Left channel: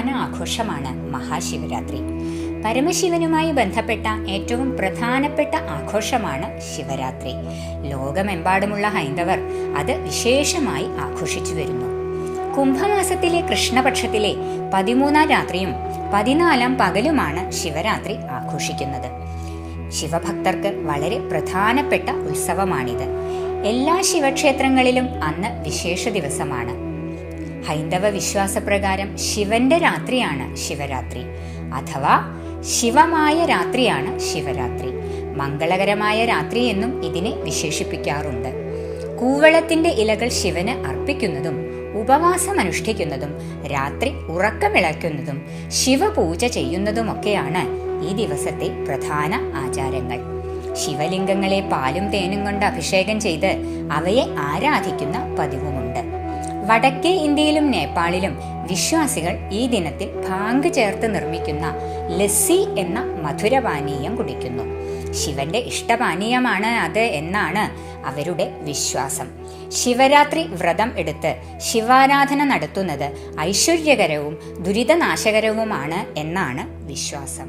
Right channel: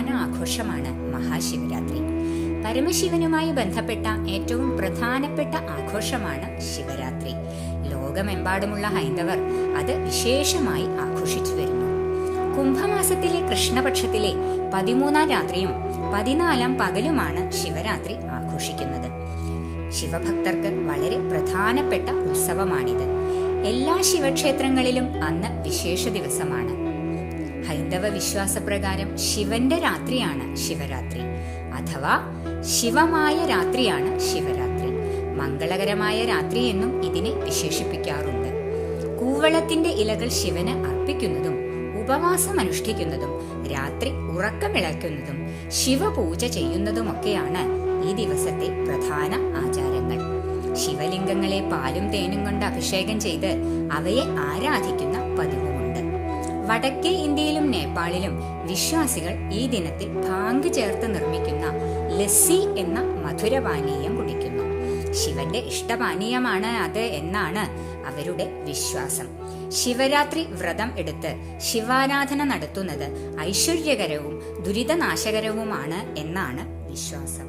പ്രധാന ആഘോഷമാണ് മഹാശിവരാത്രി. പരമശിവനുമായി ബന്ധപ്പെട്ട ഏറ്റവും പ്രധാനപ്പെട്ട ആഘോഷമാണ് ശിവരാത്രി. ലോകമെമ്പാടുമുള്ള ഹൈന്ദവർ അത് വിശേഷമായി ആഘോഷിച്ചു വരുന്നു. കുംഭമാസത്തിലെ കൃഷ്ണപക്ഷത്തിലെ 13-ാം രാത്രിയും 14-ാം പകലുമാണ് ശിവരാത്രി ആഘോഷിക്കുന്നത്. ശിവഭക്തർക്ക് വളരെ പ്രധാനപ്പെട്ട ഉത്സവമാണിത്. എല്ലാ ശിവക്ഷേത്രങ്ങളിലും അന്ന് വിശേഷ ദിവസമാണ്. ഹൈന്ദവ വിശ്വാസപ്രകാരം ശിവന്റെ രാത്രിയാണ് ശിവരാത്രി, അഥവാ ശിവമായ രാത്രിയാണ് ശിവരാത്രി. മംഗളകരമായ രാത്രി എന്നും ഇതിനെ വിശേഷിപ്പിക്കാറുണ്ട്. കൂവളത്തിന്റെ ഇലകൾ ശിവന് അർപ്പിക്കുന്നതും ഉപവാസം അനുഷ്ഠിക്കുന്നതും രാത്രി ഉറക്കമിളയ്ക്കുന്നതും ശിവപൂജ ചെയ്യുന്നതുമൊക്കെയാണ് ഈ ദിവസത്തെ പ്രധാന ആചാരങ്ങൾ. ശിവലിംഗങ്ങളെ പാലും തേനും കൊണ്ട് അഭിഷേകം ചെയ്ത് അവയെ ആരാധിക്കുന്ന പതിവുമുണ്ട്. വടക്കേ ഇന്ത്യയിലും നേപ്പാളിലും വിശ്വാസികൾ ഈ ദിനത്തിൽ ഭാംഗ് ചേർത്ത് നിർമ്മിക്കുന്ന ലസ്സി എന്ന മധുരപാനീയം കുടിക്കുന്നു. ശിവന്റെ ഇഷ്ടപാനീയമാണ് അത് എന്നാണ് അവരുടെ വിശ്വാസം. ശിവരാത്രി വ്രതം എടുത്ത് ശിവാരാധന നടത്തുന്നത് ഐശ്വര്യകരവും ദുരിതനാശകരവുമാണ് എന്നാണ് വിശ്വാസം.